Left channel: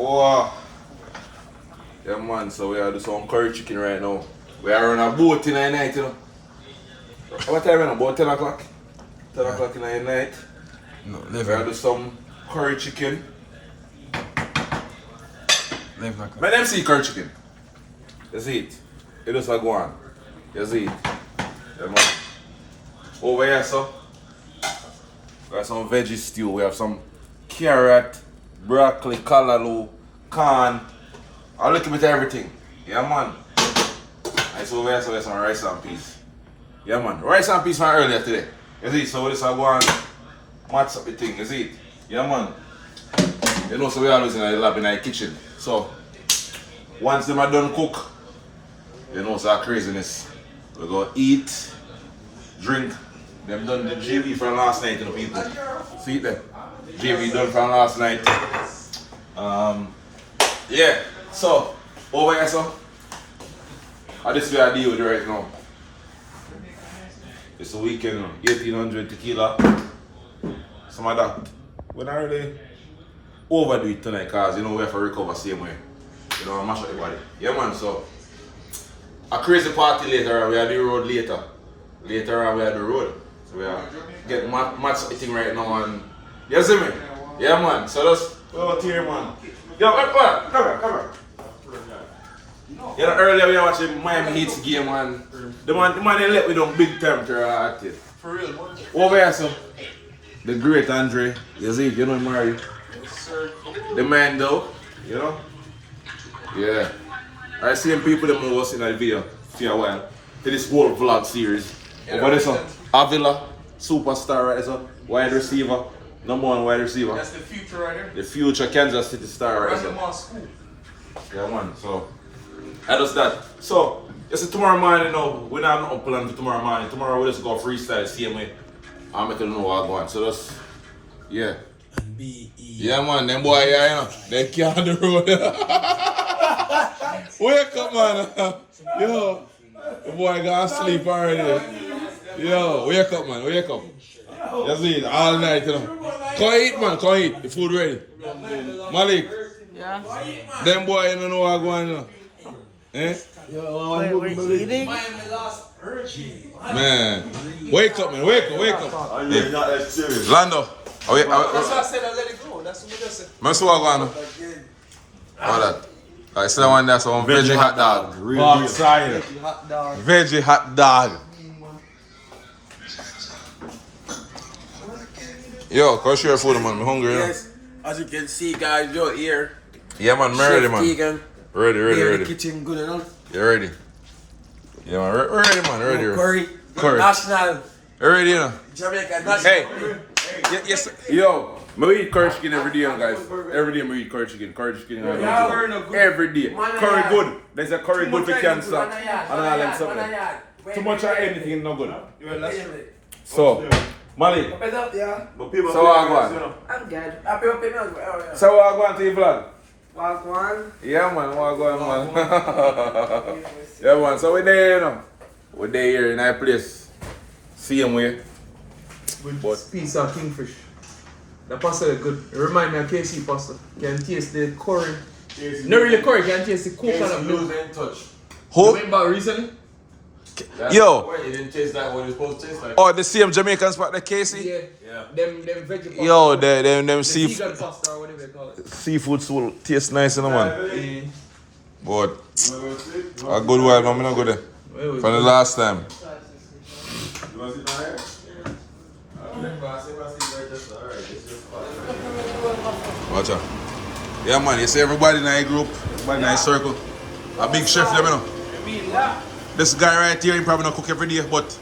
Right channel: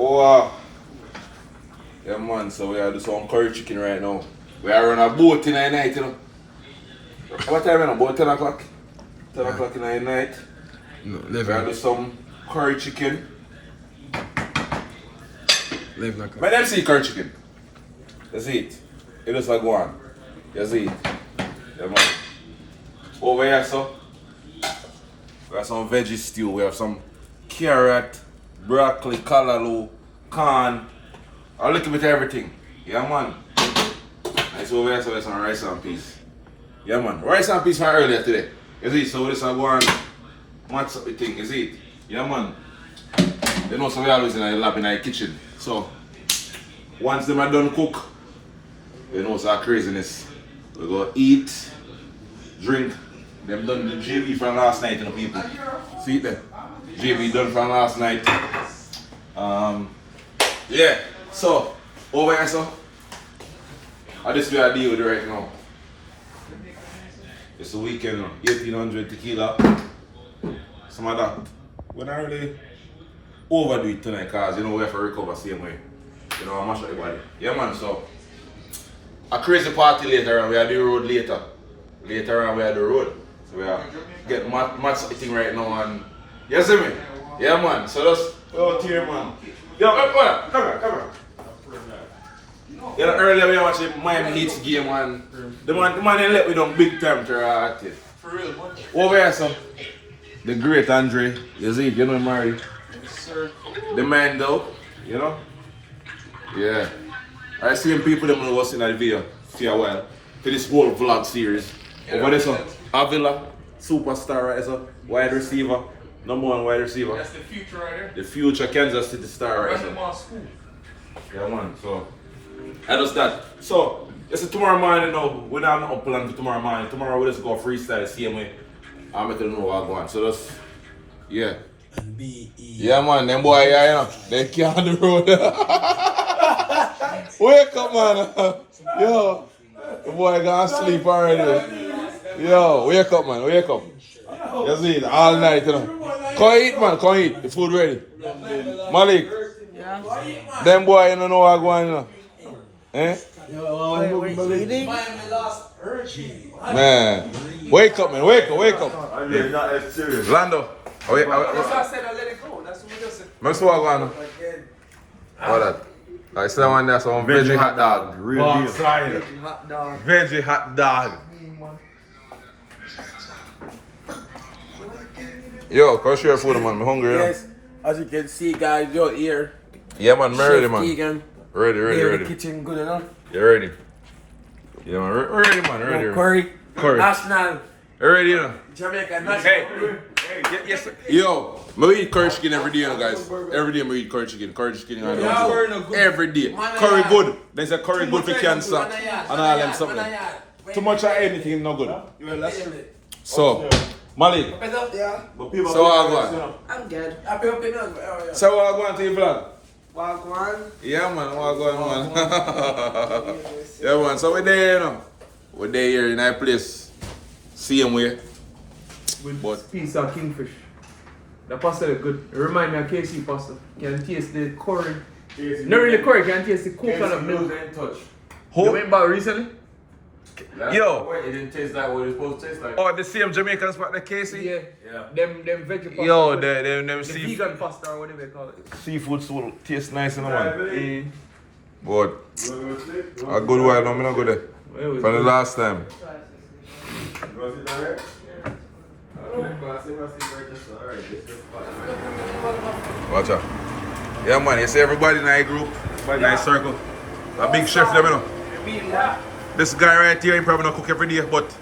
Oh, yeah, man. So we are doing some curry chicken right now. We are on a boat in the night, you know. What time is it? About 10 o'clock? 10 o'clock in the night. No, We are doing some curry chicken. 11 o'clock. Let them see curry chicken. You see it. It just like one. You see it. Yeah, man. Over here, so we have some veggie stew. We have some carrot, broccoli, callaloo, corn, a little bit of everything. Yeah, man. And so over here, so we have some rice and peas. Yeah, man. Rice and peas from earlier today. You see, so this is one match up the thing. You see it. Yeah, man. You know, so we always in the lab in the kitchen. So once them are done cook, you know, so craziness. We go eat, drink. Them done the JV from last night, you know, people. See it there? JV done from last night. Yeah. So over here, so I just be I deal with it right now. It's a weekend, 1800 tequila. Some of that. We're not really overdo it tonight, cause you know we have to recover same way. You know, I mash up the body. Yeah, man. So a crazy party later on. We are the road later. Later on, we are the road. So we are getting match thing right now, and you see me? Yeah, man. So that's out here, man. Yo, come here. You know, earlier we were watching Miami Heat's game, and the man they let me down big time to at it. For real, over here, so the great Andre, you see, you know Mary. Yes, sir. The man though, you know? Yeah. I seen people that was in that video for a while. For this whole vlog series. Over there, so Avila, superstar right so wide receiver. #1 wide receiver. That's the future right here. The future Kansas City star right so. Yeah, man, so I just that. So it's tomorrow morning, you know, we're not up plan for tomorrow morning. Tomorrow we just go freestyle, same way. I'm making know what I'm going. So that's yeah. Yeah, man, them boy, yeah, you know, they can't do the road. Wake up, man. Yo, the boy gonna sleep already. Yo, wake up, man, wake up. You see it all night, you know. Come eat, man, come eat. The food ready. Malik. Yeah. Them boy, you don't know what going on. Eh? Wait, we're eating? Man, wake up, man, wake up. You're not that serious. Lando. Oh, yeah, That's why I said I let it go. That's what we just said. Remember what going on? What that? I see that one there, some veggie hot dog. Real deal. Hot dog. Veggie hot dog. Yo, come share food, man. I'm hungry, you know. Yes, as you can see, guys, you're here. Yeah, man, I'm ready, Chef man. Keegan. Ready. Kitchen good enough. You ready? Yeah, man, ready, man, ready. Curry. National. You ready, you know? Jamaican national. Hey. Yes, yo, I eat curry chicken every day, guys. Every day I eat curry chicken. Every day. Curry good. There's a curry good for cancer and all them something. Too much of anything no good. So, Malik. Yeah. So what I going? I'm good. So what I going to your vlog? Wagwan. Yeah, man. What I going, man? Yeah, man. So we're there, you know. We're there here in our place. Same way. With piece of kingfish. The pasta is good. It reminds me of KC pasta. You can taste the curry. Not really curry, you can taste the coconut milk. You Who? went back recently? Yo. It didn't taste that way it's supposed to taste like. Oh, the same Jamaican spot, the Casey? Yeah. Them veggie pasta. Yo, them the seafood. vegan pasta or whatever you call it. Seafood soul taste nice, you know, man. Eh, But a good while now, I'm not go there. From the last time. You want to sit down here? Watch out. Yeah, man, you see everybody in our group, everybody in our circle. A big chef, them, you know. This guy right here, he probably not cook every day, but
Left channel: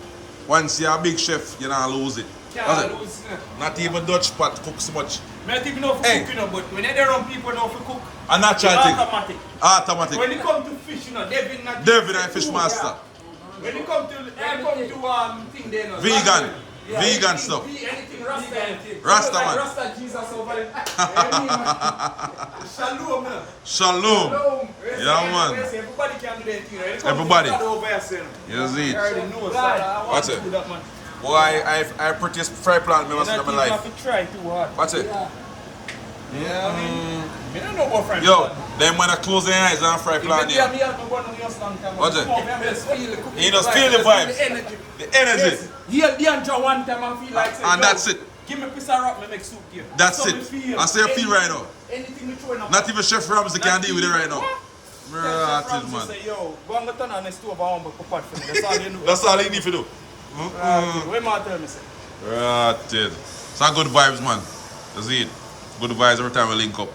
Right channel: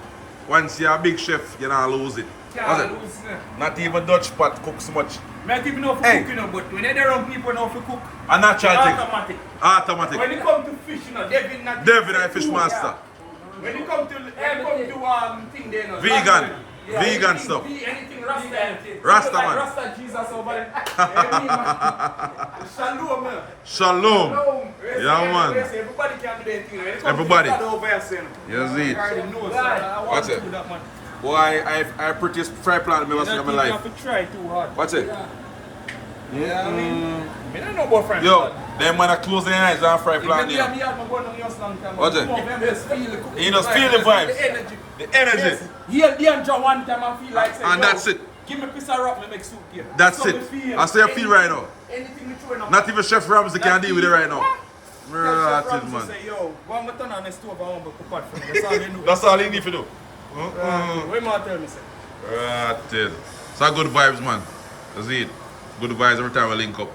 once you're a big chef, you don't lose it. That's it. Not even Dutch pot cook so much. Not even know for Hey. cook, you know, but when they run people know for cook. A natural It's thing. automatic. Automatic. When it come to fish, you know, Devin not. Devin and fish master. When it come to thing there, no. Vegan. Vegan stuff. Anything Rasta. Rasta, man. Rasta Jesus over there. Shalom, man. Shalom. Yeah, man. Everybody can do their thing. When it comes to Everybody. God over here, saying, You see I already it. know, so I want What's to it? do that, man. Boy, I prettiest fry plan I've ever seen in my You life. have to try too hard. What's it? Yeah, I mean, I don't know football friends. Yo, them when I close their eyes and fry plant Yeah, here. me have no one on your stand time. What's it? Come over and just feel the You just feel the vibes. The energy. The energy. Yes. Heal the one time and feel like And yo, that's it. Give me a piece of rock, me make soup here. That's So it. me feel I say I feel right now. Anything we throwing up. Not even Chef Ramsey can deal with it right now. Right, Right, man. Say, yo, go and go turn on the stove and humble pot for me. That's all you know. That's all you need to do. What more tell me, say? Right. So good vibes, man. That's it. Good vibes every time we link up.